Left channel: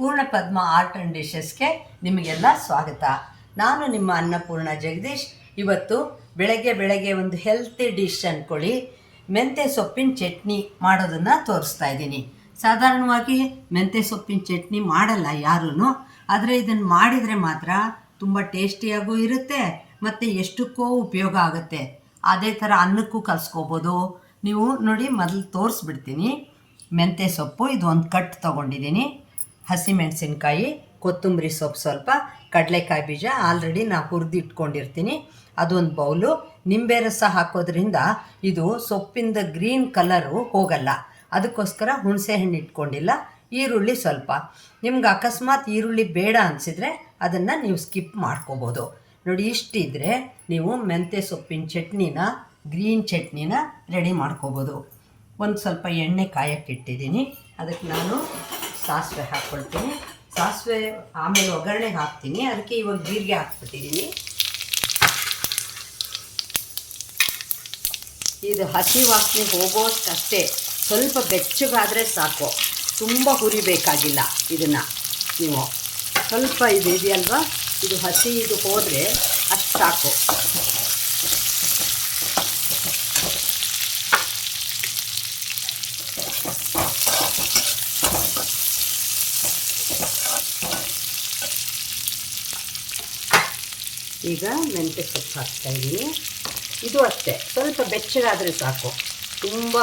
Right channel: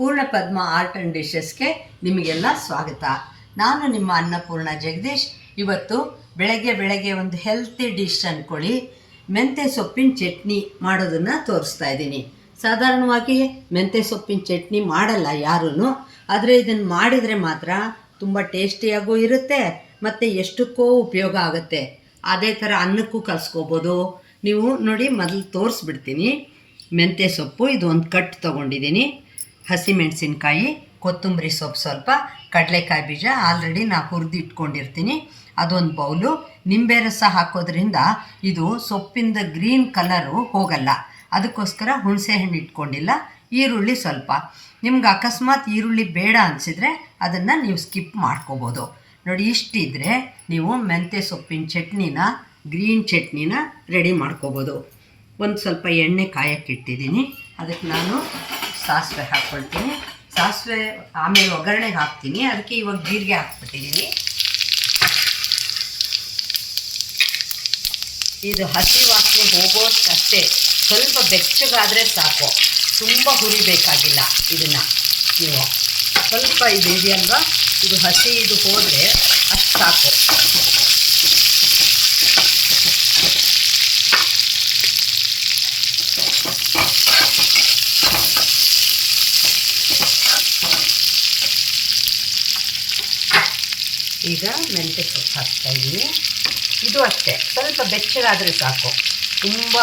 ಪೂರ್ಣ ಪದ್ಮ art and ಡಿಶಸ್ಗೆ ನಿಮಗೆಲ್ಲ ಸ್ವಾಗತ. ನಾನು ನಿಮ್ಮ ಅನ್ನಪೂರ್ಣ ಜಗದೀಶ್. ಇವತ್ತು ಬೆಳಗ್ಗೆ ಬೆಳಗ್ಗೆ ಒಂದು ಹೆಲ್ತಿ ಡಿಶ್ ಅಂದ್ಕೊಳ್ಳಿ ಮೆಂತ್ಯ ಸೊಪ್ಪಿನ ಚಟ್ನಿ ಮಾಡೋದನ್ನು ತೋರಿಸ್ತಾ ಇದ್ದೀನಿ. ಸಾಧಾರಣವಾಗಿ ಮೆಂತ್ಯ ಸೊಪ್ಪಿನ ಚಟ್ನಿ ಮಾಡಲ್ಲ ಯಾರೂ ಆದರೆ ಇದನ್ನು ಮಾಡಿದರೆ ಮಾತ್ರ ತುಂಬ ಟೇಸ್ಟಿಯಾಗೂ ಇರುತ್ತೆ ಮತ್ತು ಎಷ್ಟಕ್ಕೋ ಉಪಯೋಗ ಆಗುತ್ತೆ. ಅದೇ ಥರ ಅನ್ನಕ್ಕೂ ಕಲಿಸ್ಕೋಬೋದು. ನೀವು ನೋಡಿ ಮೊದಲು ತೋರಿಸ್ಬಿಡ್ತೀನಿ. ಮೆಂತ್ಯ ಸೊಪ್ಪು ಇದು ಒಂದು ಕಟ್ ತೊಗೊಂಡಿದ್ದೀನಿ. ಹಸಿಮೆಣಸಿನ್ಕಾಯಿ, ಕೊತ್ತಂಬರಿ ಸೊಪ್ಪು ಸ್ವಲ್ಪ, ಕಡಲೆಕಾಯಿ ಬೀಜ ಆಲ್ರೆಡಿ ನಾ ಹುರಿದು ಇಟ್ಕೊಂಡಿರ್ತೀನಿ ಅದೊಂದು ಬೌಲು. ನಿಂಬೆ ರಸ ಹಾಕೋದ್ರಿಂದ ಇದು ಸೊಪ್ಪಿಂದ ಗ್ರೀನ್ ಕಲರು ಹೋಗಲ್ಲ. ಅದಕ್ಕೋಸ್ಕರ ಹುಣಸೆಹಣ್ಣು ಇಟ್ಕೊಂಡಿಲ್ಲ. ಈರುಳ್ಳಿ ಸ್ವಲ್ಪ. ನಿಮ್ಗೆ ಅಕಸ್ಮಾತ್ ಈರುಳ್ಳಿ ಬೇಡ ಅನಿಸಿದರೆ ಅದನ್ನು ನೀವು ಸ್ಕಿಪ್ ಮಾಡ್ಕೋಬೋದು. ನೋಡಿ, ಇಷ್ಟಿದ್ರೆ ನೀವು ಮೆಂತ್ಯ ಸೊಪ್ಪಿನ ಚಟ್ನಿನ ಗ್ರೀನ್ ಚಟ್ನಿನ ರೆಡಿ ಮಾಡ್ಕೋಬೋದು. ಒಂದು ಸ್ವಲ್ಪ ಎಣ್ಣೆ ಕಾಯಕ್ಕಿಟ್ಟಿದ್ದೀನಿ ಅದಕ್ಕೆ ನಾನು ಸಾಸಿವೆ ಹಾಕ್ಕೊಳ್ತೀನಿ. ಸಾಸಿವೆ ಆಮೇಲೆ ಒಗ್ಗರಣೆಗೆ ಹಾಕ್ತೀನಿ. ಅದಕ್ಕೆ ಇವಾಗ ಜೀರಿಗೆ ಹಾಕ್ಬಿಟ್ಟಿದ್ದೀನಿ. ಇದು ಹಸಿ ವಾಸನೆ ಹೋಗೋಷ್ಟಷ್ಟೇ ಸ್ವಲ್ಪ ಬೆಚ್ಚಗಾದರೆ ಸಾಕು. ತುಂಬ ಹುರಿಬೇಕಾಗಿಲ್ಲ ಇದನ್ನು ನೀವು. ಸ್ವಲ್ಪ ಇದು ಇದೆಯಲ್ವಾ? ಇದು ಹಸಿ ಇದು ಹೋದರೆ ಅಷ್ಟು ಸಾಕು. ಈಗ ಮೆಂತ್ಯ ಸೊಪ್ಪು ಹಾಕ್ತಾ ಇದ್ದೀನಿ. ಇದು ಅಷ್ಟೇ. ಸ್ವಲ್ಪ ಬೆಚ್ಚಗಾದರೆ ಸಾಕು. ತುಂಬ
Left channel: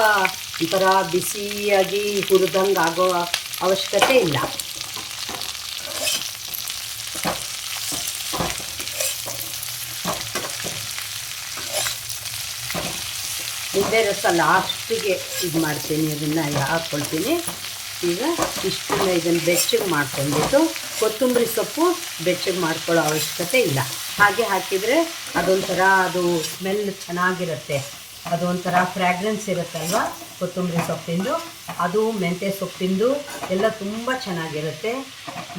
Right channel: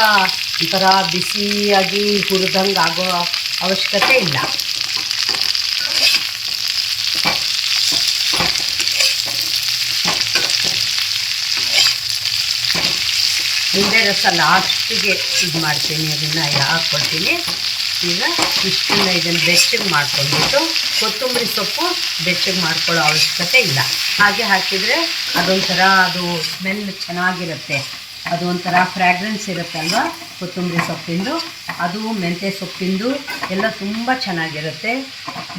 ಒಂಥರ ಬಿಸಿಯಾಗಿ ಹುರಿದಂಗೆ ಆಗೋ ಅವಶ್ಯಕತೆ ಇಲ್ಲ. ಮುಂದೆ ರಸ ಲಾಸ್ಟಿಗೆ ಇದು ಮಾಡ್ತೀನಿ ಅದನ್ನು ಹಾಕ್ಕೊಳ್ತೀನಿ ಈಗ ಇಷ್ಟನ್ನು ಇದನ್ನು ಬೆಚ್ಚಗೆ ಮಾಡ್ಕೊಂಡ್ಬಿಟ್ಟು ಕೊತ್ತಂಬರಿ ಸೊಪ್ಪು ಬೆಚ್ಚಗೆ ಮಾಡ್ಕೊಳ್ಳೋ ಅವಶ್ಯಕತೆ ಇಲ್ಲ. ಹಾಗೆ ಹಾಕಿದರೆ ಅದೊಂಥರ ಅದು ಸ್ಮೆಲ್ ಚೆನ್ನಾಗಿರುತ್ತೆ. ಅದು ಒಂಥರ ಫ್ರ್ಯಾಗ್ರೆನ್ಸ್ ಇರುತ್ತಲ್ವ? ಕೊತ್ತಂಬರಿ ಸೊಪ್ಪಿಂದು. ಅದು ಮೆಂತ್ಯ ಸೊಪ್ಪಿಂದು ಎಲ್ಲ ತುಂಬ ಚೆನ್ನಾಗಿರುತ್ತೆ.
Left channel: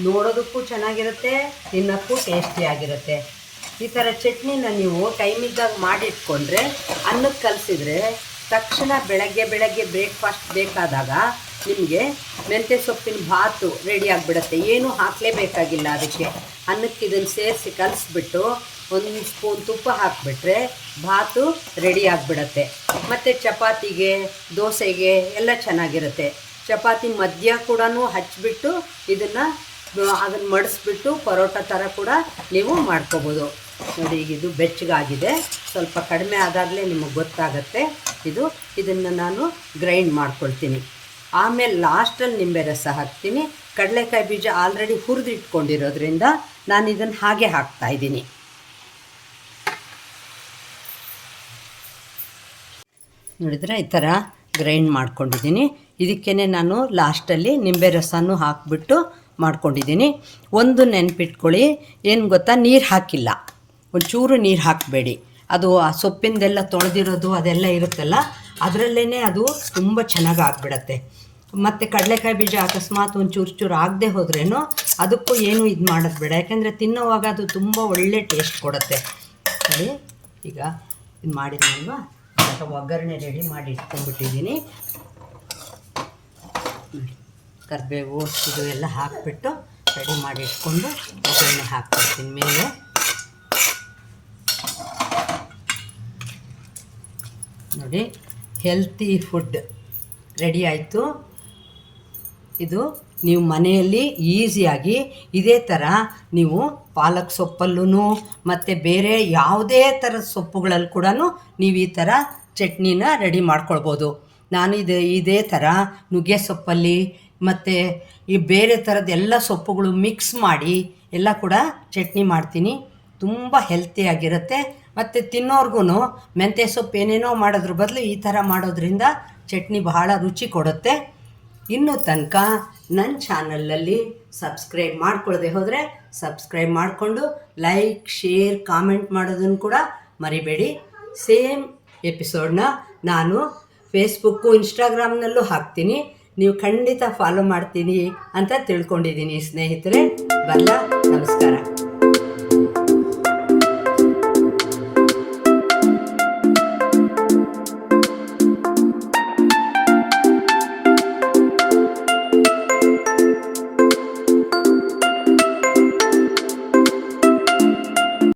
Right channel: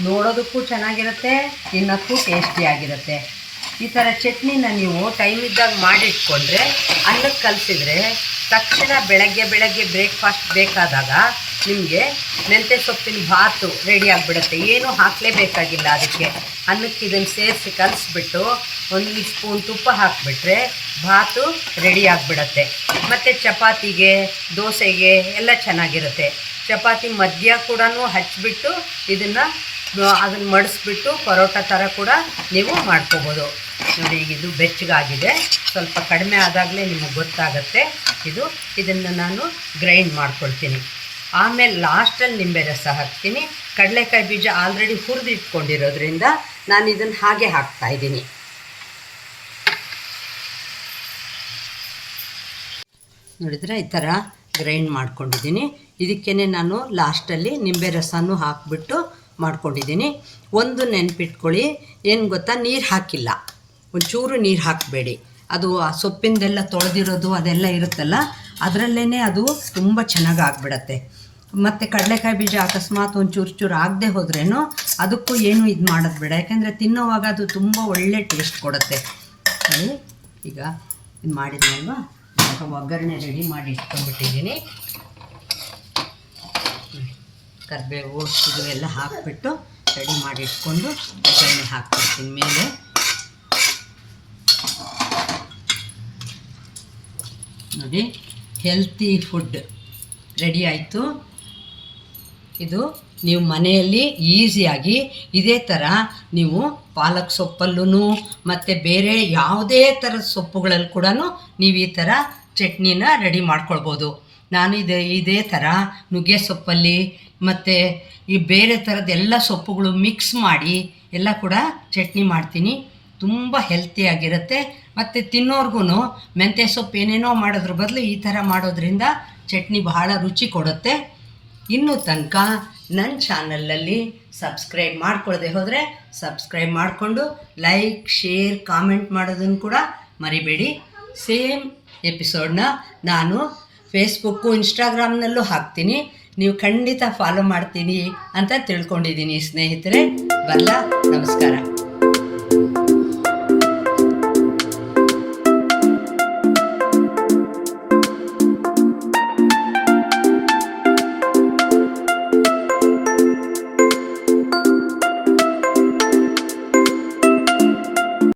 ನೋಡೋದಕ್ಕೂ ಚೆನ್ನಾಗಿರುತ್ತೆ, ತಿನ್ನೋಕ್ಕೂ ಟೇಸ್ಟಿಯಾಗಿರುತ್ತೆ ಈ ಥರ ಚಟ್ನಿನ ನೀವು ಟೈಮ್ ಇದ್ದಾಗ ಮಾಡಿಟ್ಕೊಂಡ್ರೆ, ಅನ್ನಕ್ಕೆ ಕಲಿಸಿದ್ರೆ ತಕ್ಷಣ ಬೆಳಗ್ಗೆ ಬೆಳಗ್ಗೆ ಬ್ರೇಕ್ಫಾಸ್ಟ್ ಬೇಕಾದಾಗ ನಿಮಗೆ ಮೆಂತ್ಯ ಸೊಪ್ಪಿನ ಭಾತು ರೆಡಿ ಆಗಿಬಿಡುತ್ತೆ. ಏನೂ ಹಾಕಲೇಬೇಕಾಗಿಲ್ಲ ಅದಕ್ಕೆ. ಅನ್ನಕ್ಕೆ ಇದನ್ನು ಸೇರಿಸಿ ಕಲಿಸ್ಬಿಟ್ಟು ಒಂದು ಸ್ಪೂನ್ ತುಪ್ಪ ಹಾಕಿಬಿಟ್ರೆ ಭಾತು ರೆಡಿ ಆಗಿಬಿಡತ್ತೆ. ಮತ್ತು ಚಪಾತಿಗೆ, ದೋಸೆಗೆ ಎಲ್ಲ ಚೆನ್ನಾಗಿರುತ್ತೆ. ಚಪಾತಿ ಮಧ್ಯ ಕೂಡ ಹಚ್ಚಿಬಿಟ್ಟು ಇದನ್ನು ಅದನ್ನು ಮಡಿಸ್ಬಿಟ್ಟು ಪರೋಟ ಥರ ಕೂಡ ನೀವು ಮಾಡ್ಕೋಬೋದು. ನೋಡಿ, ಇದು ಬೆಚ್ಚಗಾಗಿದೆ. ಸ್ವಲ್ಪ ಕಡಿಮೆ ಆದಾಗಲೇ ನಿಮಗೆ ಗೊತ್ತಾಗುತ್ತೆ. ಇದು ಇದನ್ನು ನಾನು ಗ್ರೈಂಡ್ ಮಾಡ್ಕೊಳ್ತೀನಿ. ಆಮೇಲೆ ಲಾಸ್ಟಲ್ಲಿ ನಿಂಬೆ ರಸ ಹಾಕ್ತೀನಿ. ಕಡಲೆಕಾಯಿ ಬೀಜ ಆಲ್ರೆಡಿ ಹುರಿದು ಇಟ್ಕೊಂಡಿರೋದ್ರಿಂದ ನಾನು ಇದನ್ನು ಹಾಗೆ ಹಾಕ್ತಾ ಇದ್ದೀನಿ. ನೋಡಿದ್ರೆ ಈ ಥರ ಗ್ರೈಂಡ್ ಮಾಡ್ಕೊಂಡಿದ್ದೀನಿ. ಇದಕ್ಕೇ ನಾನು ಲಾಸ್ಟಲ್ಲಿ ನಿಂಬೆ ರಸನೂ ಹಾಕಿಬಿಟ್ಟು ಮಾಡ್ಕೊಂಡಿದ್ದೀನಿ. ಒಂದು ನೆನ್ಪಿಟ್ಕೊಳ್ಳಿ. ಏನು ಗೊತ್ತಾ? ನೀರು ಹಾಕಿಲ್ಲ. ಒಂಚೂರು ನೀರು ಹಾಕಬೇಡಿ. ಅದು ಆ ಸೊಪ್ಪಿಂದೆಲ್ಲ ತೊಳೆದಿರೋದು ಅದೆಲ್ಲ ಇರುತ್ತಲ್ಲ ಅದರಲ್ಲೇ ಅದು ತುಂಬ ಚೆನ್ನಾಗಿ ಆಗಿಬಿಡತ್ತೆ ಮತ್ತು ಕಡಲೆಕಾಯಿ ಬೀಜ ಅಕಸ್ಮಾತ್ ಒಂದು ಚೂರು ಚೂರು ಆಗದೆ ಹೋದ್ರೇನು ಅದಕ್ಕೂ ಏನು ಇದು ಮಾಡೋದು ಬೇಡ. ಯಾಕೆಂದರೆ ತಿನ್ನೋವಾಗ ಅದು ತುಂಬ ಒಳ್ಳೆ ಟೇಸ್ಟ್ ಕೊಡುತ್ತೆ. ಸರಿ ಈಗ ಇದು ಮಾಡಿದ್ನಲ್ವಾ? ಸ್ವಲ್ಪ ಒಗ್ಗರಣೆ ರೆಡಿ ಮಾಡಿ ಇಟ್ಕೊಂಡ್ಬಿಟ್ಟಿದ್ದೀನಿ. ಕರಿಬೇವು, ಇದು ಎಲ್ಲ ಹಾಕಿಬಿಟ್ಟು ರೆಡಿ ಮಾಡಿ ಇಟ್ಕೊಂಡು ಒಗ್ಗರಣೆ ಹಾಕ್ಬಿಡ್ತೀನಿ ಮೇಲೆ. ನೋಡಿ. ಹೆಲ್ತಿ ಫುಡ್ ರೆಡಿ ಆಯಿತು. ಇದು ನೀವು ಮನೆಯಲ್ಲಿ ಈಸಿಯಾಗಿ ಇದೇ ಥರ ನೀವು ಪಾಲಕ್ ಸೊಪ್ಪಲ್ಲೂ ಮತ್ತು ಬೇರೆ ಯಾವುದೇ ಥರದ ಸೊಪ್ಪುಗಳಲ್ಲಿ ಕೂಡ ನೀವು ಈ ಥರ ಚಟ್ನಿನ ರೆಡಿ ಮಾಡ್ಕೊಳ್ಬೋದು. ನಾನು ಇದು, ಇದೇ ಥರ ನುಗ್ಗೆ ಸೊಪ್ಪಲ್ಲಿ, ಮತ್ತು ಈ ಬೇರೆ ಥರದ ಎಲ್ಲ ಸೊಪ್ಪುಗಳು ಮಿಕ್ಸ್ ಮಾಡಿ ಎಲ್ಲ ಕೂಡ ಚಟ್ನಿ ಮಾಡ್ತೀನಿ. ತುಂಬ ಹೆಲ್ತಿಯಾಗಿರುತ್ತೆ ಮತ್ತು ತಿನ್ನೋರ್ಗು ಮೆಂತ್ಯ ಸೊಪ್ಪು ಏನೇನೋ ಮಾಡೋದ್ರ ಬದಲು ಈ ಥರ ಮಾಡೋದ್ರಿಂದ ಚಟ್ನಿ ಬಹಳ ರುಚಿ ಕೊಡುತ್ತೆ. ಇನ್ನೂ ತನಕ ನನ್ನ ಚಾನಲಲ್ಲಿ ಸಬ್ಸ್ಕ್ರೈಬ್ ಮಾಡ್ಕೊಳ್ಳದೆ ಹೋದರೆ ಸಬ್ಸ್ಕ್ರೈಬ್ ಮಾಡಿಕೊಂಡು ಲೈಕ್, ಶೇರ್, ಕಾಮೆಂಟ್ ಮಾಡೋದನ್ನು ಕೂಡ ಮರಿಬೇಡಿ. ಸೇಮ್ ಎಪಿಸೋಡ್ನ ನಾನು ಫೇಸ್ಬುಕ್ಕು, ಇನ್ಸ್ಟಾಗ್ರಾಮ್ನಲ್ಲೂ ಹಾಕ್ತೀನಿ. ನೀವು ಖಂಡಿತ ಫಾಲೋ ಮಾಡ್ತೀನಿ ಅಂತ ತಿಳ್ಕೊಂಡಿದ್ದೀನಿ ಸ್ನೇಹಿತರೆ. ಬರಲ್ಲ ನಮಸ್ಕಾರ.